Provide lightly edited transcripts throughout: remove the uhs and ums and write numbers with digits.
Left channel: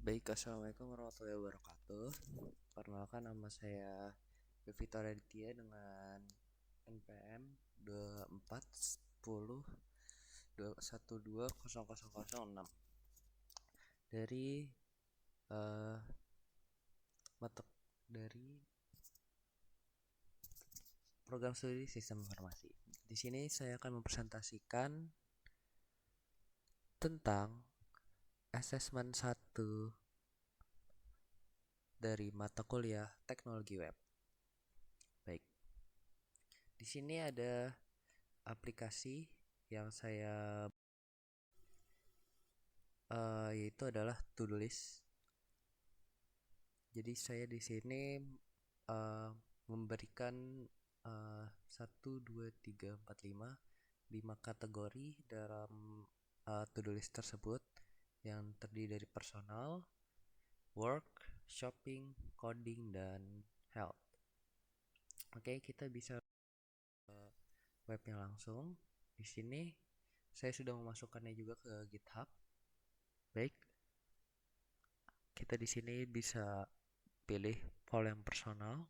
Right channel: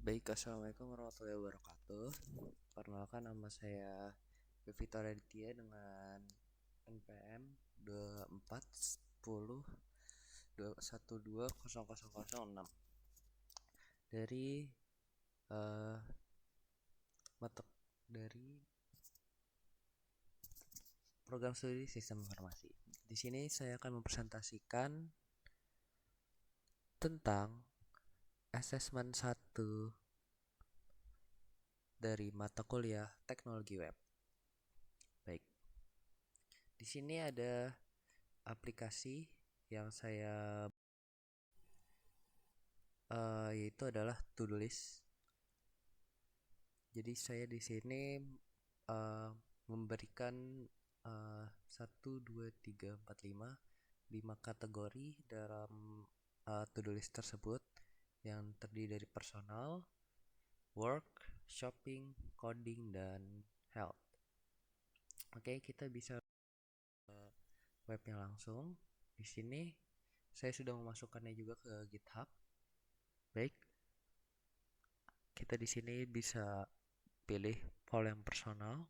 Baik, assalamualaikum warahmatullahi wabarakatuh. Perkenalkan, nama saya Victor Aditya dengan NPM 241021200006 dari eh mata dari program studi Sistem Informasi. Di sini saya akan mempresentasikan tentang asesmen 1 dari mata kuliah Teknologi Web. Baik, di sini ada aplikasi yang saya yaitu adalah To-Do List. Jadi saya di sini memberikan 1, 2, 3, 4, 5 kategori dalam to-do list tersebut yang terdiri dari personal, work, shopping, coding, dan health. Oke, kita bisa webnya langsung. Di sini saya sudah memasukkannya juga ke GitHub. Baik, kita di sini bisa pilih file yang personal.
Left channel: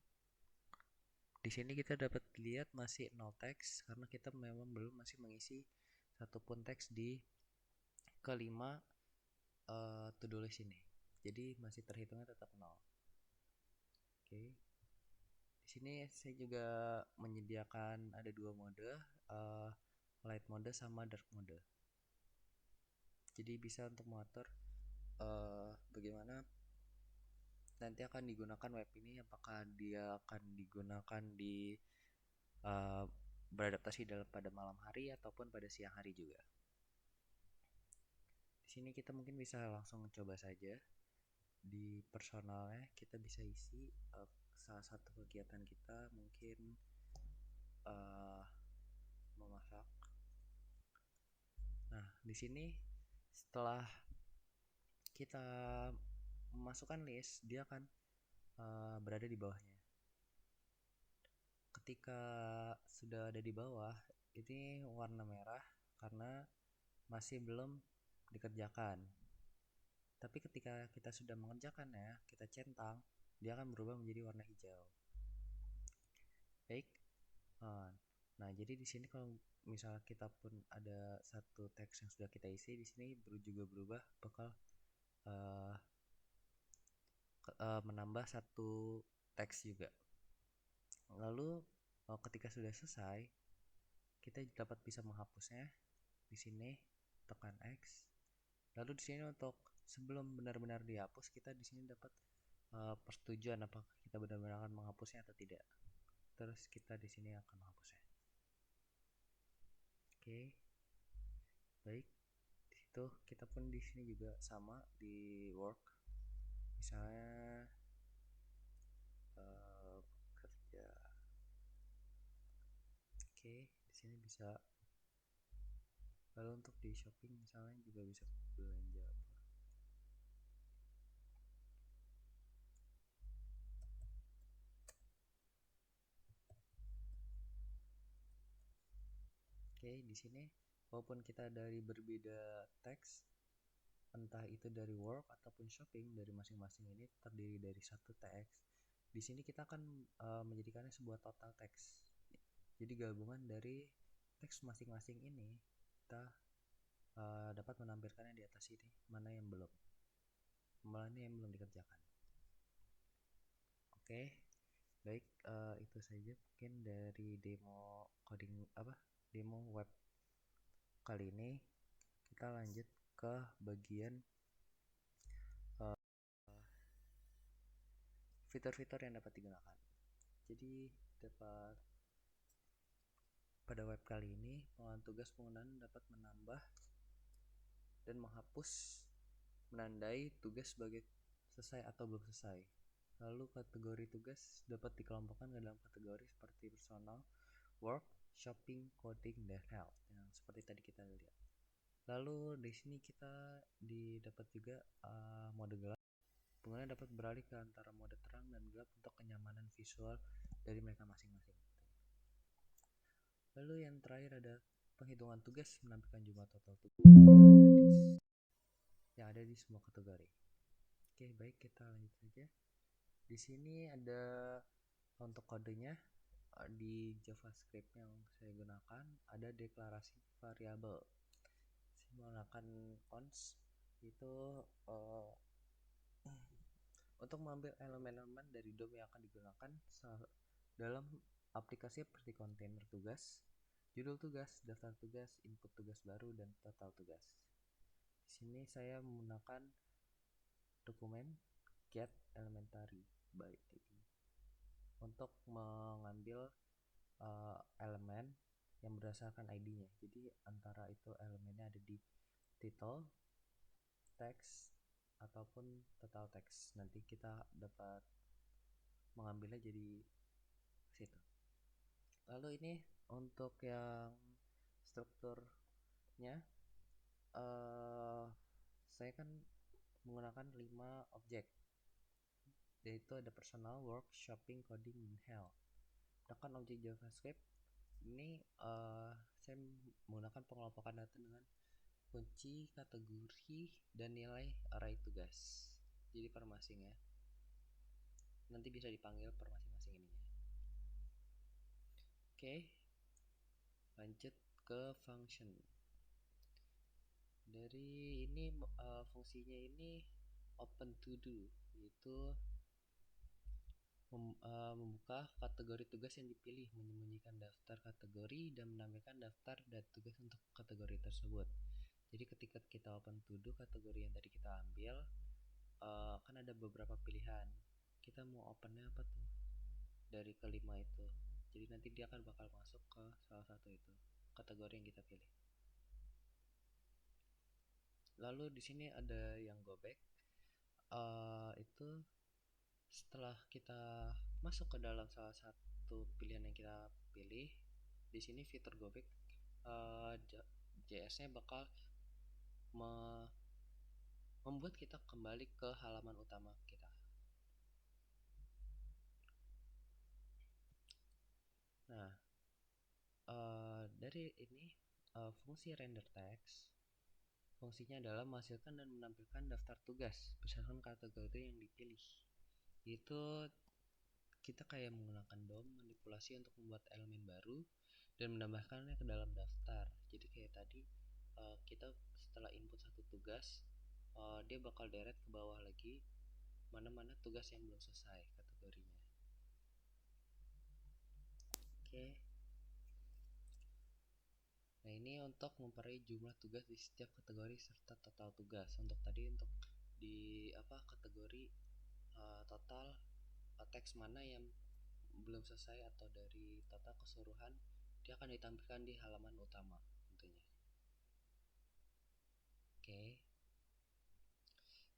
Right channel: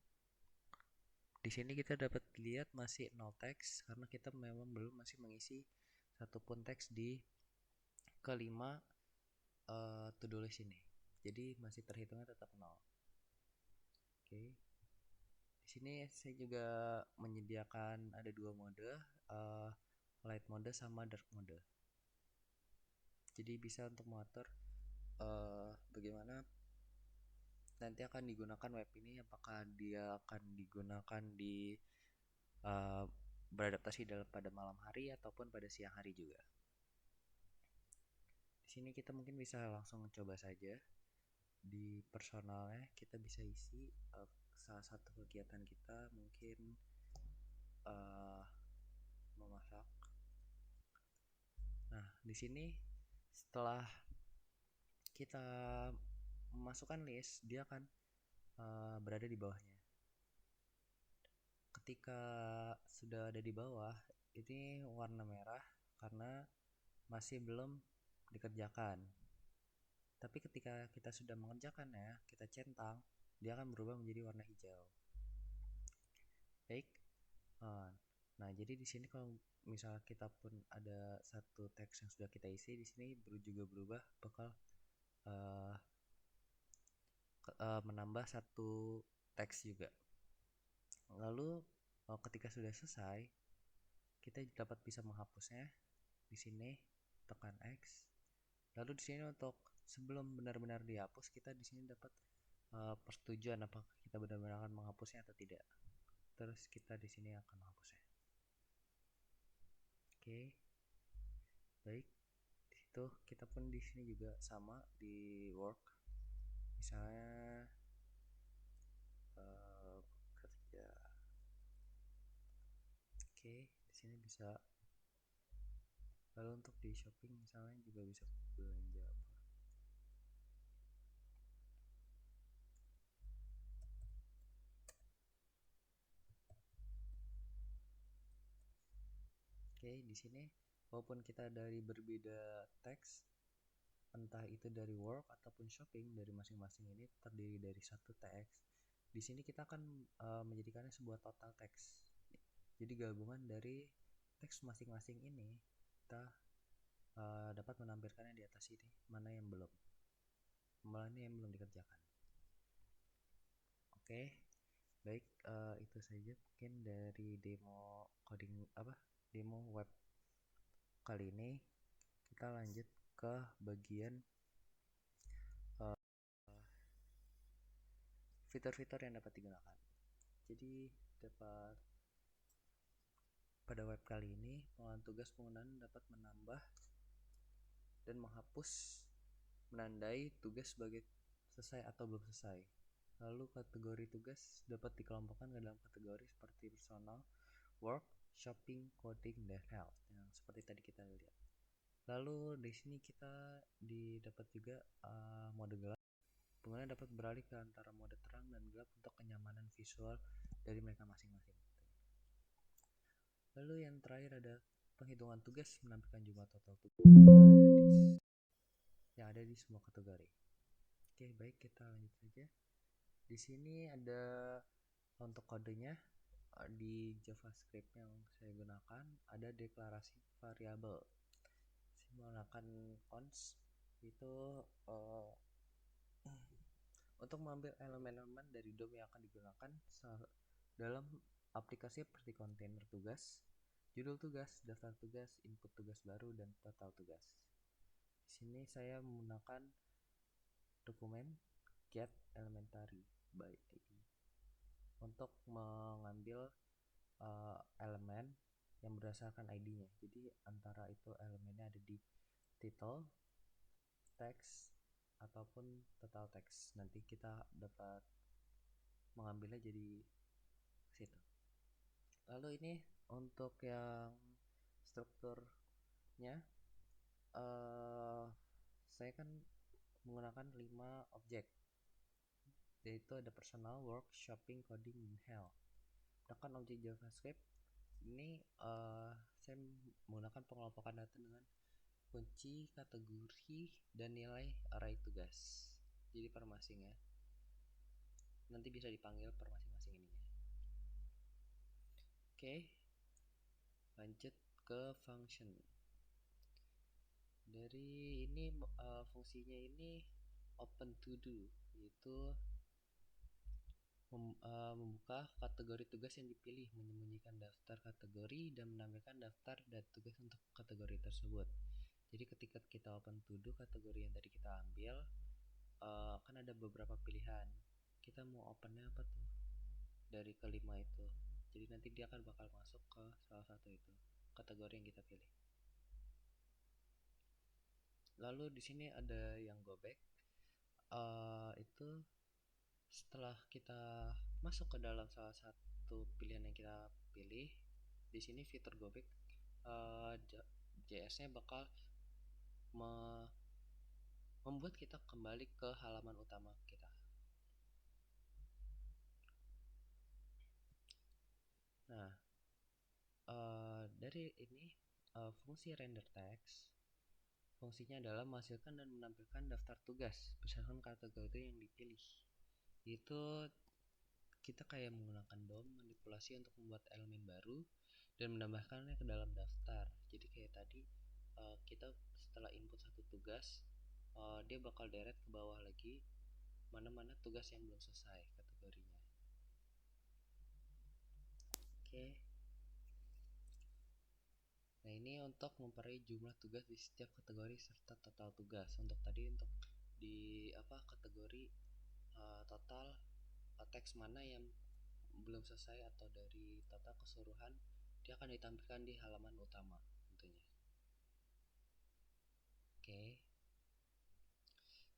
Di sini kita dapat lihat masih no teks karena kita memang belum masih mengisi satupun teks di kelima to-do list ini. Jadi masih terhitungnya tetap nol. Oke. Di sini saya juga menyediakan ada dua mode, light mode sama dark mode. Jadi bisa untuk mengatur bagaimana nanti akan digunakan web ini, apakah dia akan digunakan di beradaptasi pada malam hari ataupun pada siang hari juga. Di sini kita mungkin bisa langsung coba saja. Di personalnya kita bisa isi salah satu kegiatan kita mungkin memasak. Nah, di sini setelah kita memasukkan list, dia akan berada di bawahnya. Ketika sudah ada di bawah, ini warna merah karena masih belum dikerjakan. Tapi ketika kita sudah mengerjakannya, kita centang, dia akan berubah menjadi warna hijau. Baik. Nah, jadi di sini kalau misalnya kita pun ada satu teks yang sudah kita isi, di sini juga berubah bakal menambah satu teks juga. Lalu ketika sudah selesai, kita dapat bisa menghapusnya. Di sini tekan X. Lalu di sini untuk sebelum benar-benar dihapus, kita di sini dapat persetujuan apakah kita benar-benar akan menghapusnya atau tidak. Terus kita di sini akan menghapusnya. Oke. Baik. Di situ kita pun di sini juga sama di work. Misalnya kerja. Oke, di sini bisa. Lalu untuk di shopping misalnya juga bisa belanja apa. Oke, di sini walaupun kita dari berbeda teks, entah itu dari work ataupun shopping, dari masing-masing ini terdiri dari satu teks. Di sini kita akan menjadikannya sebuah total teks. Jadi gabungan dari teks masing-masing ini kita dapat menampilkannya di atas ini, mana yang belum dikerjakan. Oke, baik, itu saja mungkin dari demo web kali ini. Kita lanjut ke bagian fitur-fitur yang dapat digunakan. Jadi pada web kali ini pengulangan tugas penggunaan dapat menambah dan menandai tugas sebagai selesai atau belum selesai. Lalu kategori tugas dapat dikelompokkan ke dalam kategori seperti personal, work, shopping, coding, dan health yang seperti tadi kita lihat. Lalu di sini kita dapat juga mode gelap. Pengguna dapat beralih ke antara mode terang dan gelap untuk kenyamanan visual dari mereka masing-masing. Lalu yang terakhir ada penghitungan tugas, menampilkan jumlah total tugas yang ada di semua kategori. Oke, baik, kita lanjut saja. Di sini ada untuk kodenya di JavaScript yang saya gunakan ada deklarasi variabel. Saya menggunakan const itu untuk mengambil elemen-elemen dari DOM yang akan digunakan dalam aplikasi seperti kontainer tugas, judul tugas, daftar tugas, input tugas baru, dan total tugas. Di sini saya menggunakan dokumen get elementary by ID untuk mengambil elemen yang berdasarkan ID-nya. Jadi antara itu elemennya ada di title, text, ataupun total text. Nanti kita dapat mengambilnya jadi situ. Lalu ini untuk yang strukturnya, saya kan menggunakan 5 objek, yaitu ada personal, work, shopping, coding, dan health. Sedangkan objek JavaScript ini saya menggunakan pengelompokan data dengan kunci, kategori, dan nilai array tugas. Jadi per masing ya. Nanti bisa dipanggil per masing-masing ininya. Oke. Lanjut ke function. Dari ini fungsinya ini open to do, yaitu membuka kategori tugas yang dipilih, menyembunyikan daftar kategori, dan menampilkan daftar dan tugas untuk kategori tersebut. Jadi ketika kita open to do kategori yang tadi kita ambil, kan ada beberapa pilihan. Kita mau opennya apa tuh dari kelima itu. Jadi nanti dia akan bakal masuk ke salah satu itu kategori yang kita pilih. Lalu di sini ada yang go back. Itu setelah kita masuk ke dalam salah satu pilihan yang kita pilih, di sini fitur go back JS-nya bakal membuat kita kembali ke halaman utama kita. Nah, dari ini fungsi render text, fungsinya adalah menghasilkan dan menampilkan daftar tugas berdasarkan kategori yang dipilih. Itu kita kayak menggunakan DOM manipulasi untuk membuat elemen baru dan menambahkannya ke dalam daftar. Jadi kayak tadi kita setelah input satu tugas, dia bakal deret ke bawah lagi mana-mana tugas yang belum selesai kategorinya. Oke. Nah, ini untuk memperoleh jumlah tugas di setiap kategori serta total tugas. Untuk tadi untuk di kategori total teks mana yang belum selesai atau dari total keseluruhan, dia akan ditampilkan di halaman utama tentunya. Oke.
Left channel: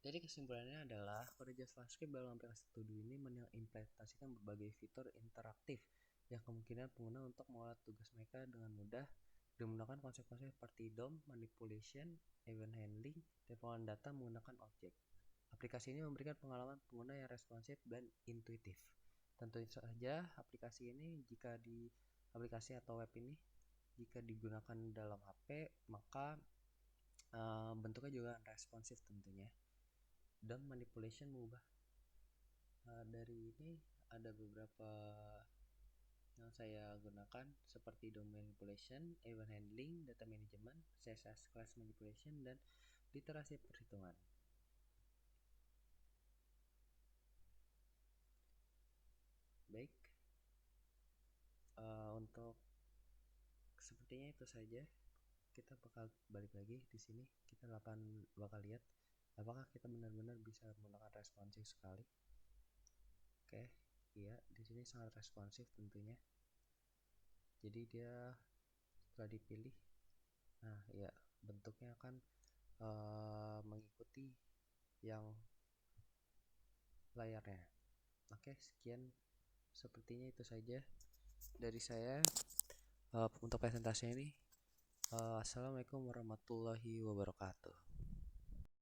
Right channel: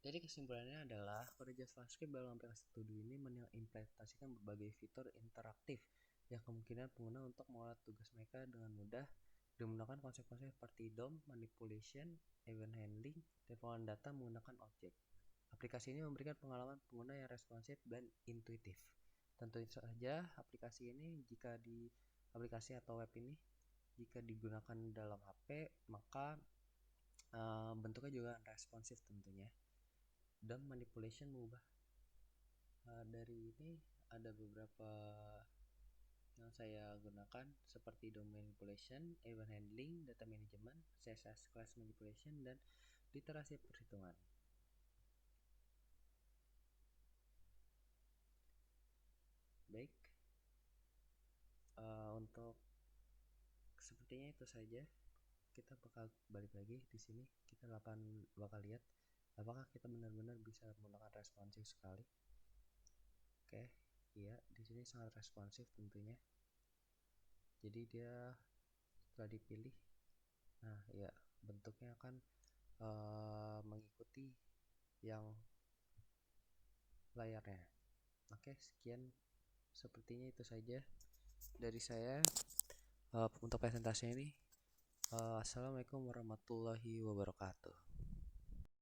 Jadi kesimpulannya adalah kode JavaScript dalam aplikasi To Do ini mengimplementasikan berbagai fitur interaktif yang kemungkinan pengguna untuk mengolah tugas mereka dengan mudah dengan menggunakan konsep-konsep seperti DOM, manipulation, event handling, dan pengolahan data menggunakan objek. Aplikasi ini memberikan pengalaman pengguna yang responsif dan intuitif. Tentu saja aplikasi ini jika di aplikasi atau web ini jika digunakan dalam HP maka bentuknya juga responsif tentunya. Dan manipulation mengubah dari ini ada beberapa yang saya gunakan seperti DOM manipulation, event handling, data management, CSS class manipulation, dan literasi perhitungan. Baik, untuk sepertinya itu saja. Kita bakal balik lagi di sini. Kita bakal lihat apakah kita benar-benar bisa menggunakan responsif sekali. Oke, iya, di sini sangat responsif tentunya. Jadi dia setelah dipilih, nah ya bentuknya akan mengikuti yang layarnya. Oke, sekian, sepertinya itu saja dari saya untuk presentasinya ini. Assalamualaikum warahmatullahi wabarakatuh.